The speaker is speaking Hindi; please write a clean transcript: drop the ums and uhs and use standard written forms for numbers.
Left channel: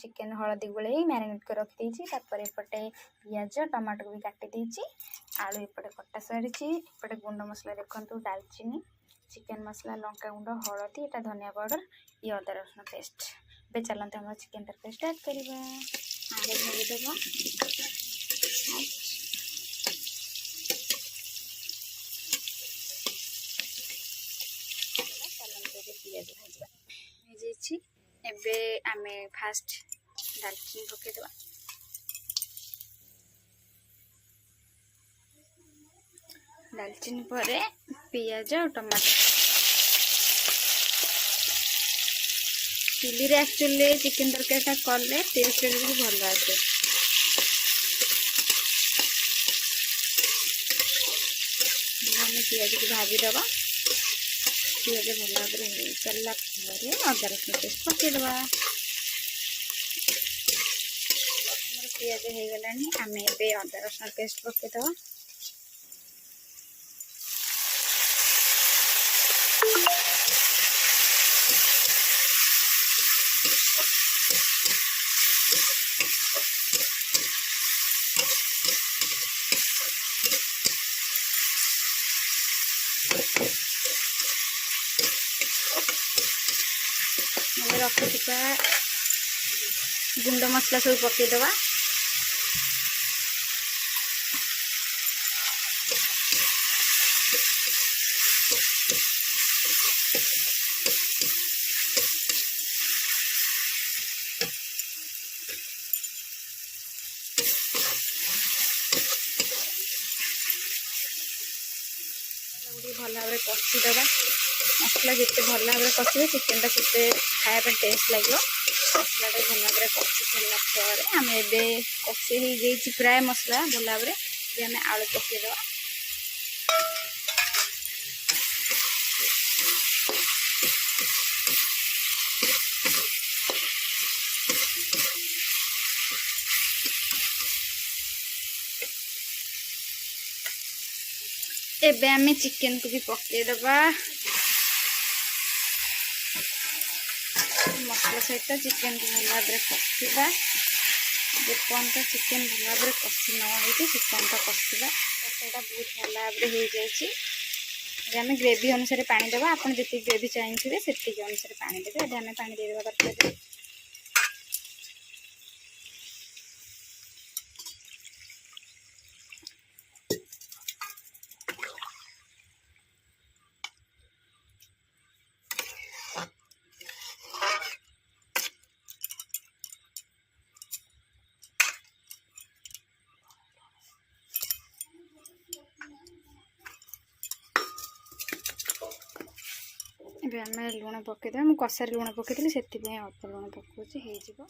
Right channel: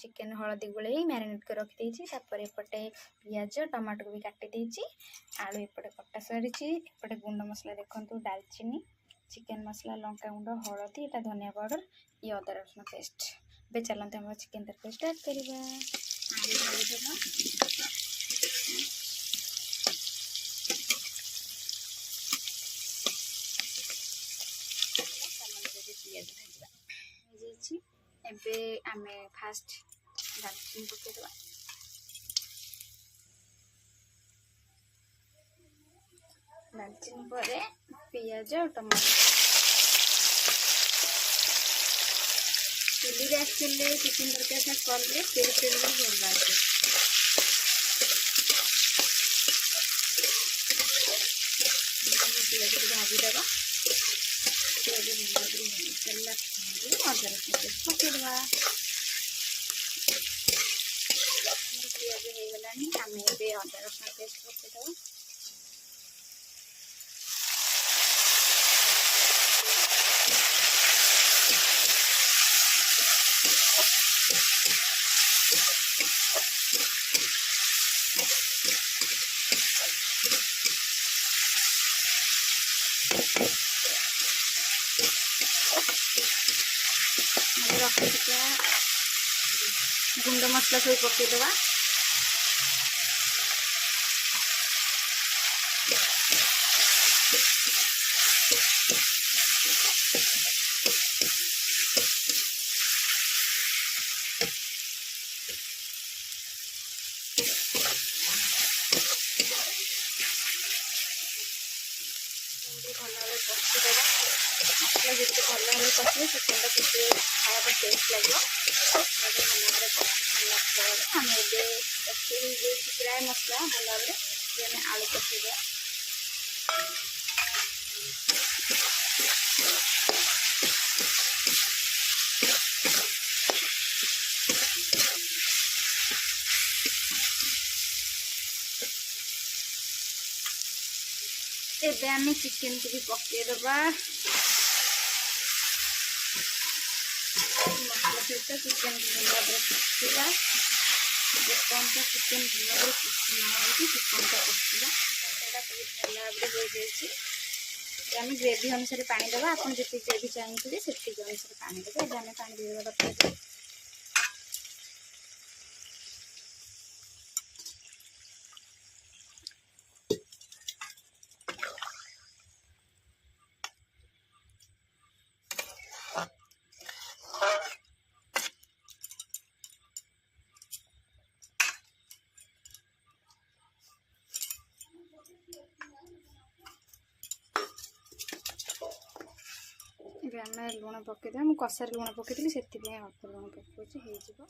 चिकेन हलदी गोले मैरिनेट कर रखी तापर एपटे पियाज टमाटो को भी काटी आलू एपटे कटा सारी एपटे गुंड मसला देखो डालचीनी चिकेन मसला लंका गुंड हलदी एटा धनिया पाउडर ये अदा रसुण पेस्ट। बे चलते हम चिकेन तरकारी स्टार्ट करवा। आगे ढालीदेवा पियाज भाजवा एबे आमे फास्ट दालचीनी पकेदेवा। दालचीनी पर पियाज और टमाटो चुली एक्चुअली चिकेन तरकारी कले टेस्ट भी भल आसे। पियाज को भाजीदवा पियाज भल भाव हो सारा अदा रसुण पेस्ट पकेदवा। पियाज हो गला आम ए अदा रसुण पेस्ट पकेदवा। रखा गुंड मसला सब पकईदवा। भल भाव कषिदेवा मसला जिते भल भाव कषे चिकेन टा के खाया टेस्ट लगे। मसला भल भाव कषि सारा आम ए कषि प्राय मसला भल भाव आम आलू पकईदे। एबे आमे चिकेन को भी पकईदबा। मसला सहित चिकेन को भल भाव कषा जेपर्यंत चिकेन भल भाव कषि न हो चिकेन टा कषा कषाटा बहुत भल भाव हो जाए। आम ग्रेवी अनुसार पानी देवा आप जी ग्रेवी चाहिए से अनुसार पानी देवे। अब आम पानी देवा तरकारी। आम लुण पकईदे मुझे कषार लुण पकई से अल्प लुण पकाऊँ हो।